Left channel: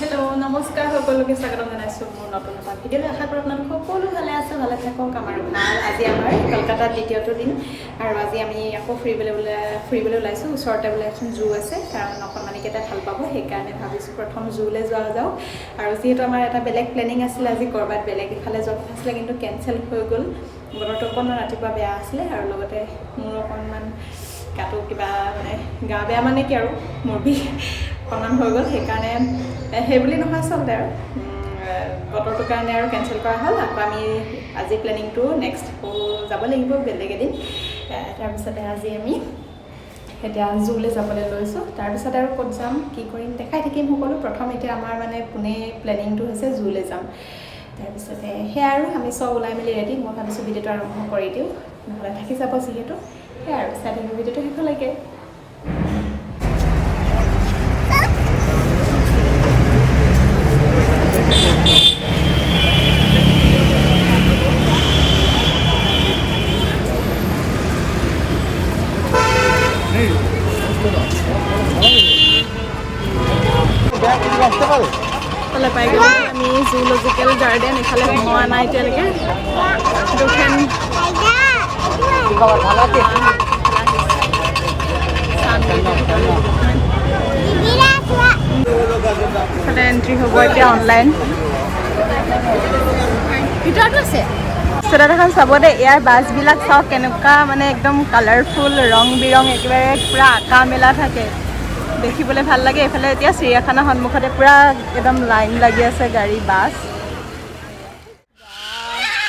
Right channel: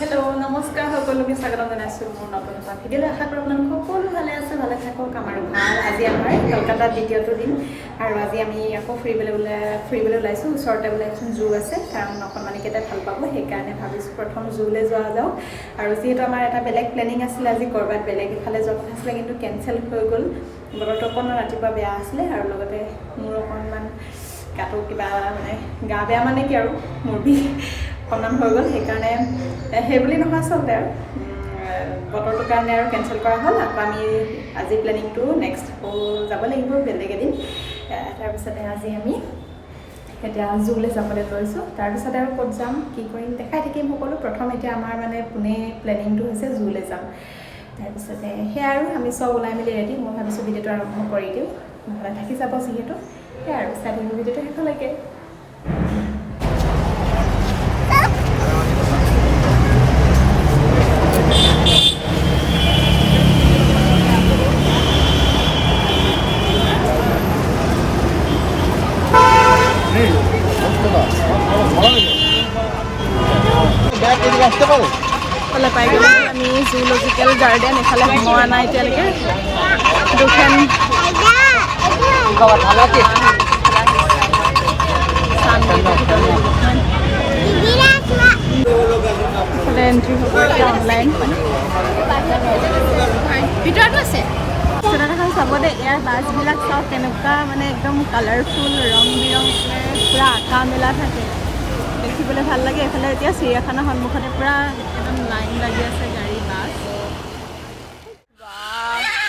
Hello' নমস্কাৰ সকলোকে স্বাগতম জনাইছোঁ মোৰ নতুন এটা ভিডিঅ'লৈ। আশা কৰোঁ আপোনালোক সকলো ভালে আছে, ভালে থাকক। আমাৰ ভাল। আজি আমাৰ কলকাতাত দ্বিতীয়টো দিন আৰু আজি আমি আকৌ ফুৰিবলৈ ওলাইছোঁ। ওচৰতে বোলে এখন জু আছে, কাৰণ অকণমানিকেইটাই ভাল পাব, সেইকাৰণে ভাবিছোঁ প্ৰথম জুলৈ যোৱা যাওক। আৰু যিহেতু আমাৰ এটা বেলেগ প্লেনিং আছিলে, আজি ক'ৰবাত বেলেগ ইফালে যোৱা কথা আছিলে, কিন্তু কেঞ্চেল হৈ গ'ল। বতৰটো অকণমান ৰাতিপুৱা বেয়া আছিলে আৰু লগতে মোৰ অকণমান গাটো কিবা মানে গা বেয়া মানে কি আৰু মোৰ বিষ অকণমান হৈ গ'ল, সেইকাৰণে সেইবুলি নহয় আচলতে আৰু বতৰটোৰ কাৰণে আৰু কেঞ্চেল কৰা হ'ল। আকৌ আমি আজি প্লেনিংটো নেক্সট আকৌ যাব লাগিব বেলেগ এদিন। তাৰপিছতে আজি আমি এতিয়া জুলৈ যাবলৈ লৈছোঁ। তাৰপিছতে আৰু ক'ত যাম কি কৰিম দেখাই থাকিম সকলো। প্ৰথম এতিয়া আমাৰ মানে পোনে প্লেনিংটো হৈছে জুলৈ যাম। তাৰপিছতে সেয়া আৰু আমি চব ওলাই মেলি ৰেডি। মই ভাবিছোঁ ভিডিঅ'টো আৰম্ভ কৰি দিওঁ, নহ'লে থাকি যাব যিহেতু। সেয়া আৰু চাই থাকিম ভিডিঅ'টো শেষলৈকে। ইফালে পাই গ'লো আমি জুলজিকেল গাৰ্ডেন। ইফালে সোমোৱা নাই এতিয়ালৈকে। দুখন ইফালে এণ্ট্ৰি হ'ব এতিয়া অনলাইন। ভিতৰতো আছে ষ্টেটাত এখন চাব দেই। ইয়াৰ বাছবিলাক চাওক কেনেকুৱা মানে একদম কালাৰফুল, ৰং বিৰং, একেবাৰে পূৰা আঁকা মেলা থাকে, দেখিবলৈ ভাল লাগে। এইফালে এতিয়া চিৰিয়াখানাৰ সন্মুখতে পূৰা একদম লাইন লাগি আছে গাড়ী, বাছ।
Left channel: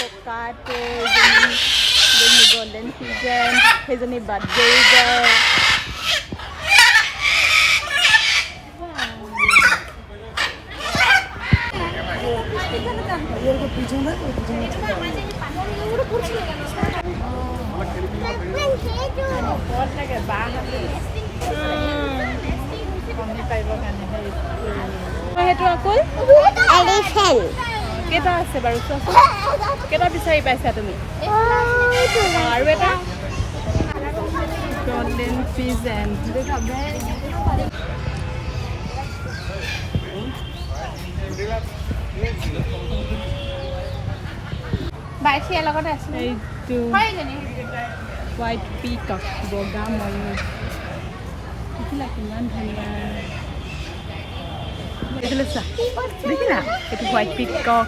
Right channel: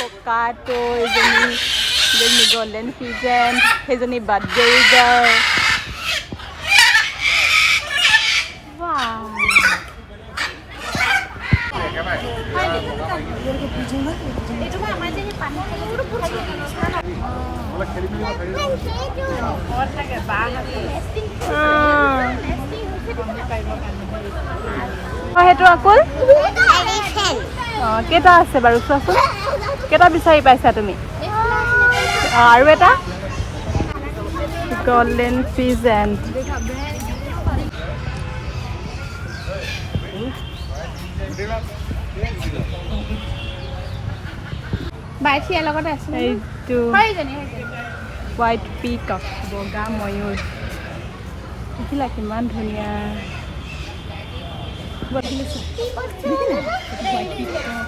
ককাটো এজনী গল্ডেন ফিজেণ্ট, সেইজনী বাদগেৰিগাৰ। সেইটো অকল কেইটা আছে বাৰু চোৱাচোন, কেইটা বিচাৰি পাইছা তুমি? আৰু এটা গল্ডেন ফিজেণ্ট। এইটো হোৱাইট পিকক, বগা ময়ূৰ। দেখিলা কিমান ধুনীয়া, দেখিলা এইটো হোৱাইট পিকক।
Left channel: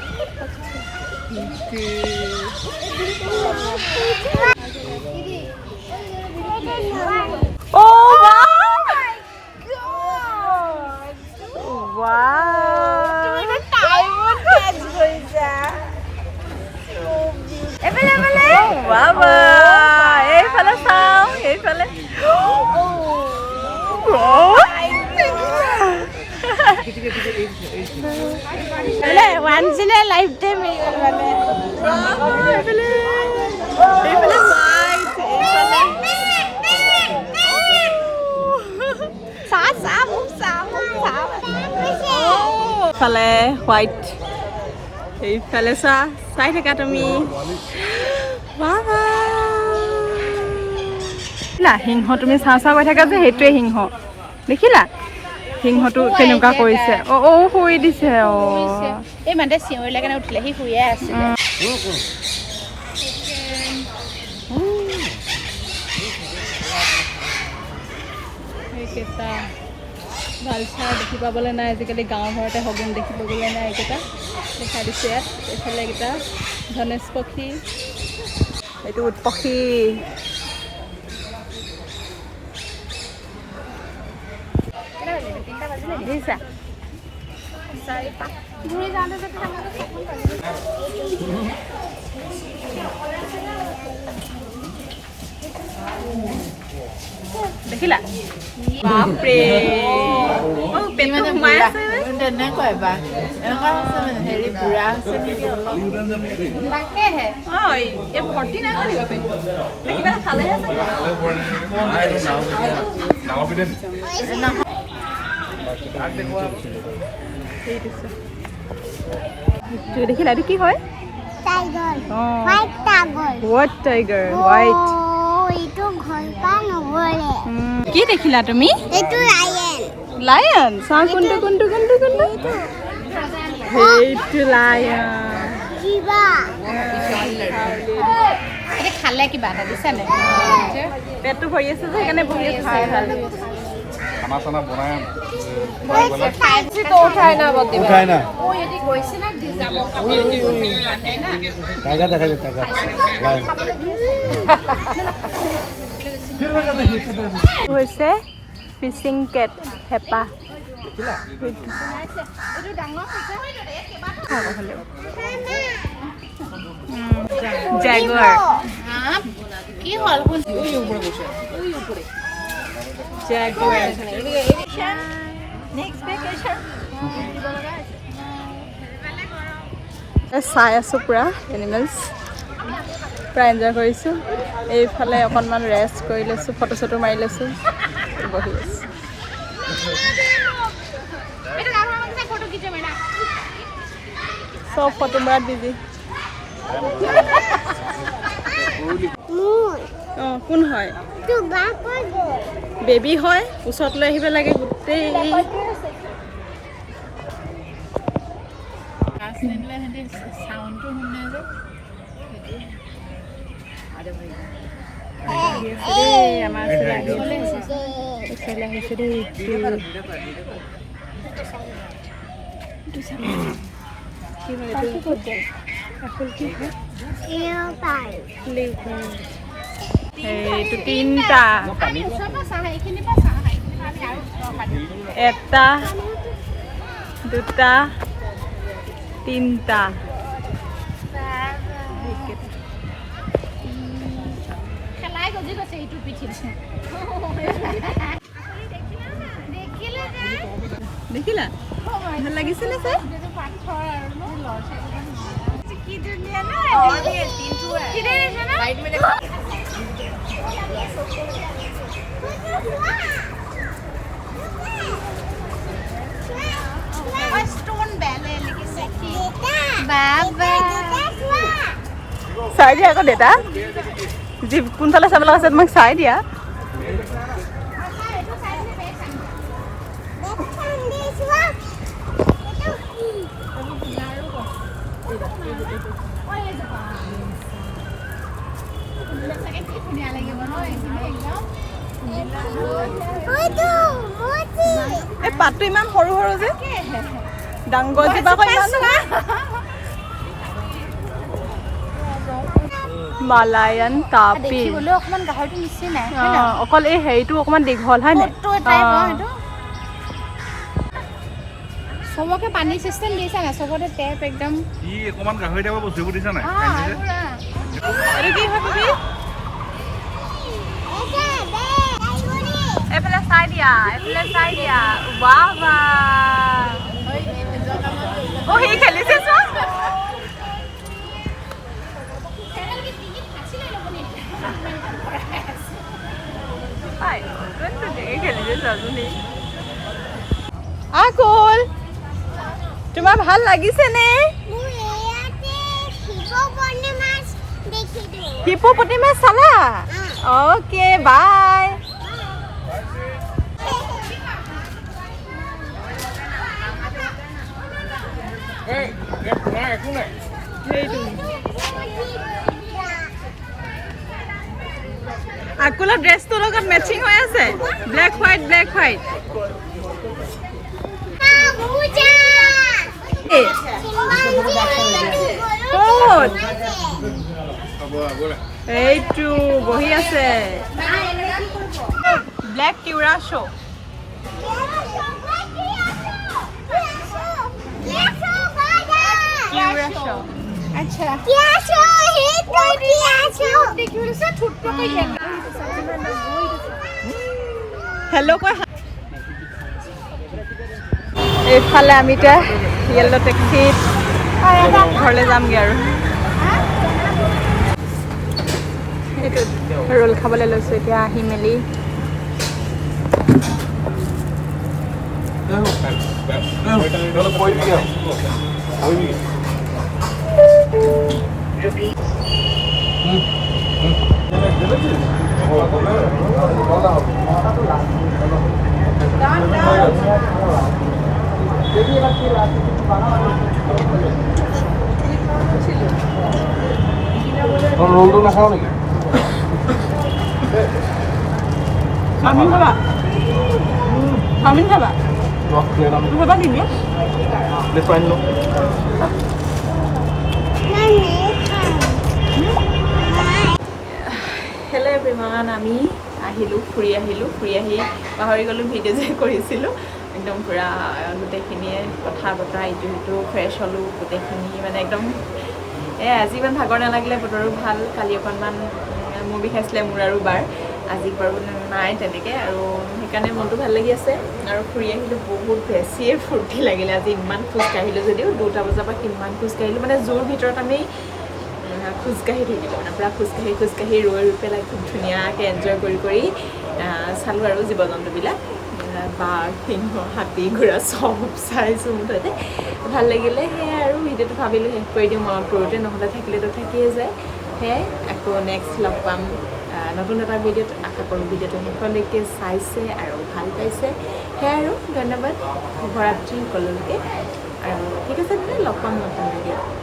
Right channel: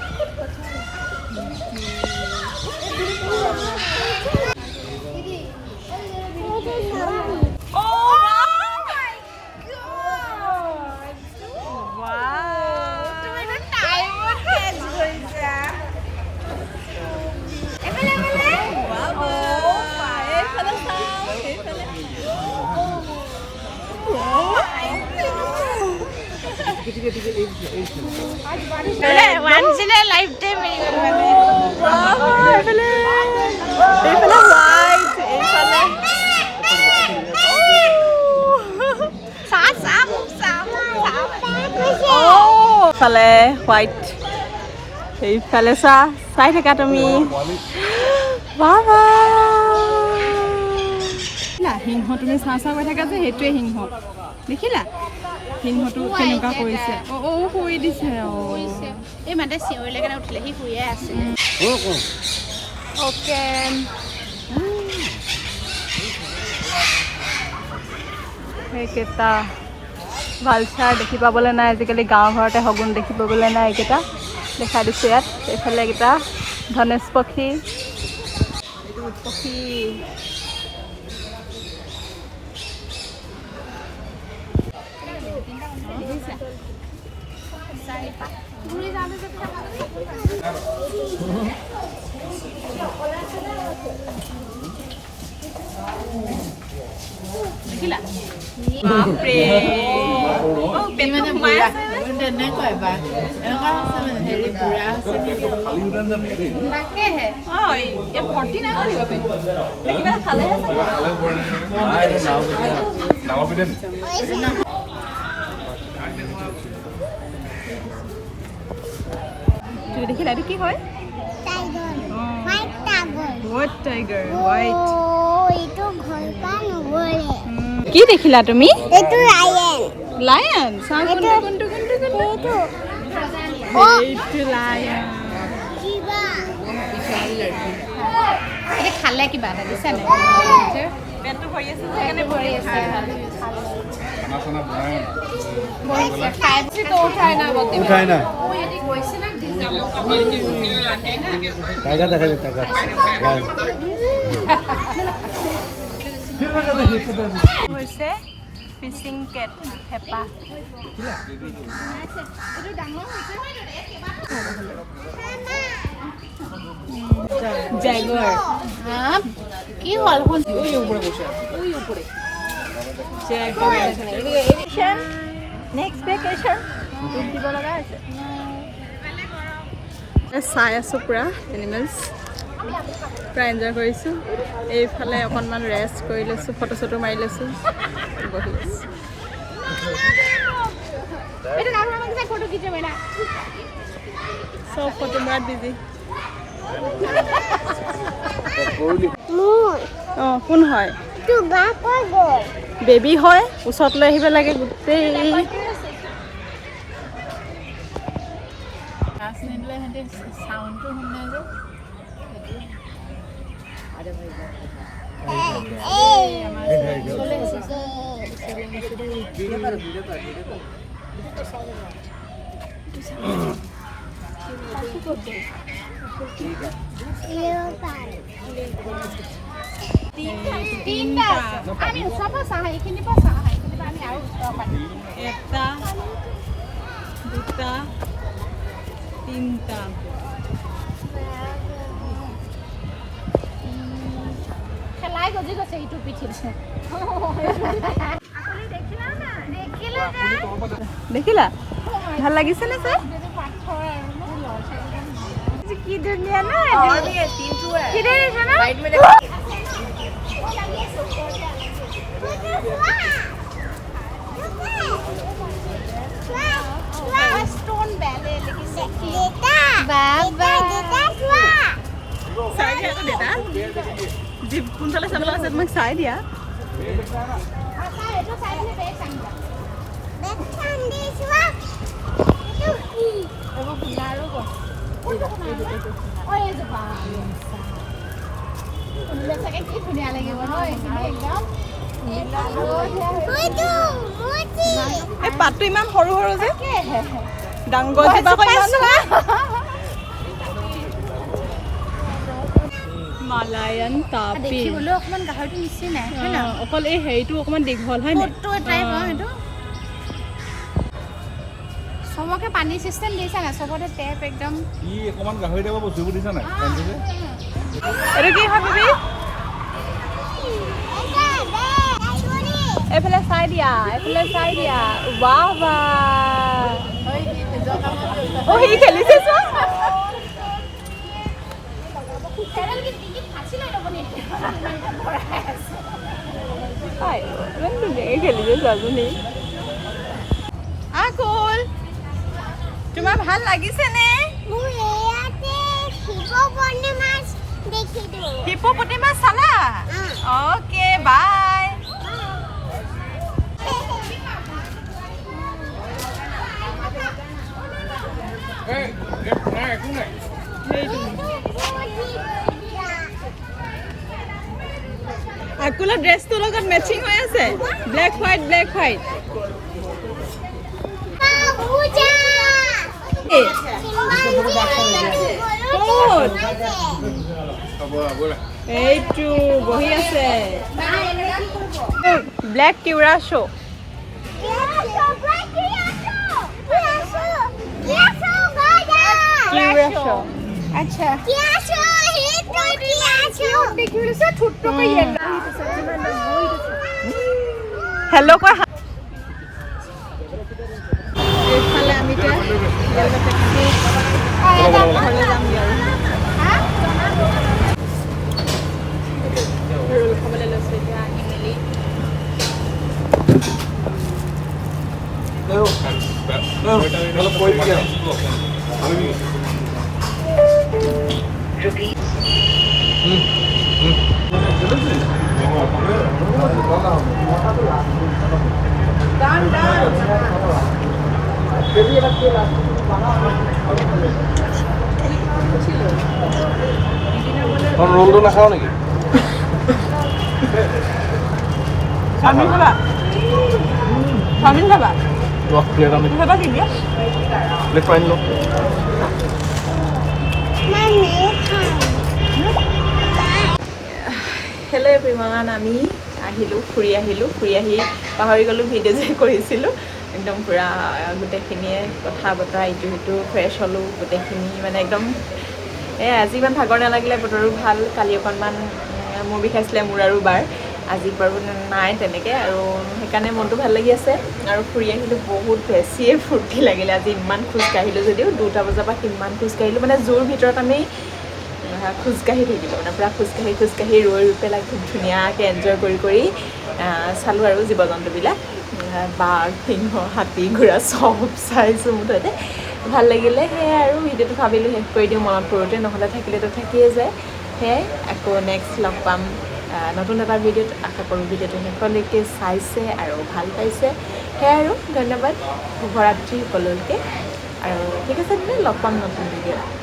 এইফালে চাওঁ, এইফালে ফালে হোৱাইট, সেইফালে চাই থাকা তুমি। সিংহ তুমি চাওঁ কৈ থাকা যে, সেইটোৱে সিংহ। দেখিলা সিংহটো কেনেকুৱা কৰিছে? শুই দিছে। এই মানে চিঞৰিলে কাৰণে উঠিলে, সি শুয়ে আছে। সেইকেইটা ভালচাৰ দেখি পাবলৈ নাই আজিকালি, গাঁও ঘৰতে শগুন দেখি পাবলৈ নাই। এইকেইটা দেখাই দিছোঁ ইয়াত। এইফালে এইকেইটা ধনেশ পক্ষী, এইটো উট পক্ষী। দেখিছা দেখিলা? বাপৰে তেনেকুৱা এবাৰ এনেকুৱা আছে মানে হেৰি বুঢ়া আছে নেকি তাকেহে। ভৰ্তি নাই কিবা খালেহে দেখিলা? এইটো কি হয়? White tiger, white. কি দেখিলা তুমি? এইটো লায়ন। লায়ন চাওঁ কোনটো সেইটো লায়ন এতিয়া খালে কিবা এটা দিছে নাই পেটটো ভৰি আছে সেইকাৰণে ভৰি আছে খানা চানা উঠাই না টাইগাৰ দেখা যায় টাইগাৰ হৈছে ফিচিং কেট হেপা জেগুৱাৰ কি হ'ল চাই আছোঁ পুৰা এনিমেলছ পুৰা এনজয় কৰিছোঁ এইফালে অকণমান ৰেষ্ট কৰি লৈছোঁ ফটো চটো মাৰি লৈছোঁ বহি আছোঁ চব ফটো মৰাত বিজি অঁ কোন হয় বেবী হয় ওচৰত লৈ আহিব লাগে গোটেই এইটো তিনিটা এটা দুটা তিনিটা দেখিলা ভাল লাগিছে নে ছাৰ কি ধুনীয়া চাই দিয়া আকৌ দেউতা যি কোনফালে চাবলৈ আছে তোমাক চাই দিয়া এই পাতটো ইমান সৰু সৰু যে ডাঙৰ জীৱা মালায়ান তাপি অকমান গাহৰিটো নিচিনাই অকল এই হেৰিটো অকমান দীঘল হয় নাই চবকে পানী চিষ্টেম দিছে নাই চবতে টেপ একদম ই অকমান গাহৰি টাইপৰ বস্তুবোৰ দিছে নাই এইটো কি হয় বেবি এইফালে চাই দিয়া ৱাও ৱাও সি খেলিছে আকুল তোমাৰ ভাল লাগিছে নে হিপোপটি মাছ চালা অ'কে বাই আকুলৰ ড্ৰেছটোৰ লগত মেচিং হৈ আছে ব্লেক হোৱাইট এইটো বহি আছে ব্লেক টিউৰা শ্ব' আচ্ছা হেল্ল' কোৱা এইফালে আমি এতিয়া য়েল্ল' টেক্সিত ঘৰলৈ যামগৈ আৰু ৰোল খাবলৈ লৈছোঁ এতিয়া আহি মেলি ৰোলটো নাখাওঁ নেকি? চাওমিন খাবা চাওমিন খাবা খাবা কি দিয়া হেল্ল' এভৰিৱান আমি ফুৰি আহি পাহৰি গ'লোঁ ভিডিঅ' যে কৰিছিলোঁ একদম পূৰা গোটেইখিনিয়ে কথা বতৰা ইটো সিটো ফ্ৰেছ হ'লোঁ গোটেইখিনি মানে একদম আজি ইমান ভাগৰ নালাগিলে বতৰো ভাল কালি অকণমান মূৰ বিষাইছিলে মোৰ আৰু বাৰ আজি বাৰু নাই তেনেকৈ আৰু সেইকাৰণে মনটো ভাল লাগি আছে আৰু ফুৰি আহিলোঁ বহুত বেছিয়ে ফূৰ্তি লাগিলে আজি ইমান খোজকাঢ়িলোঁ যদিও 2টা বজাৰ পৰা কিমান খোজকাঢ়িলোঁ মানে জোৰ ভিতৰত আমি খোজকাঢ়ি থাকিলোঁ মানে পূৰা খোজকাঢ়ি ৰৈ পেলাই খুব ধুনীয়াকৈ এনজয় কৰি চালোঁ আৰু জীৱ জন্তুবিলাক বাঘ সিংহ হাতী ঘোঁৰা চব চাইছোঁ মুঠতে ভাল লাগিলে সেয়াই আৰু ভিডিঅ'টো ভাবিলোঁ শেষ কৰি দিওঁ মনত পৰোঁতে নহ'লে থাকিলেতো থাকিয়ে যায় সেয়াই আকৌ নেক্সট লগ পাম নতুন এটা ভিডিঅ'ত আশা কৰোঁ ভিডিঅ'টো শেষলৈকে চাইছে আৰু ভাল পাইছে সেয়াই আৰু ধন্যবাদ শুভৰাত্ৰি সকলোকে আৰু ঠিক আছে তেন্তে লগ পাম নতুন ভিডিঅ'ত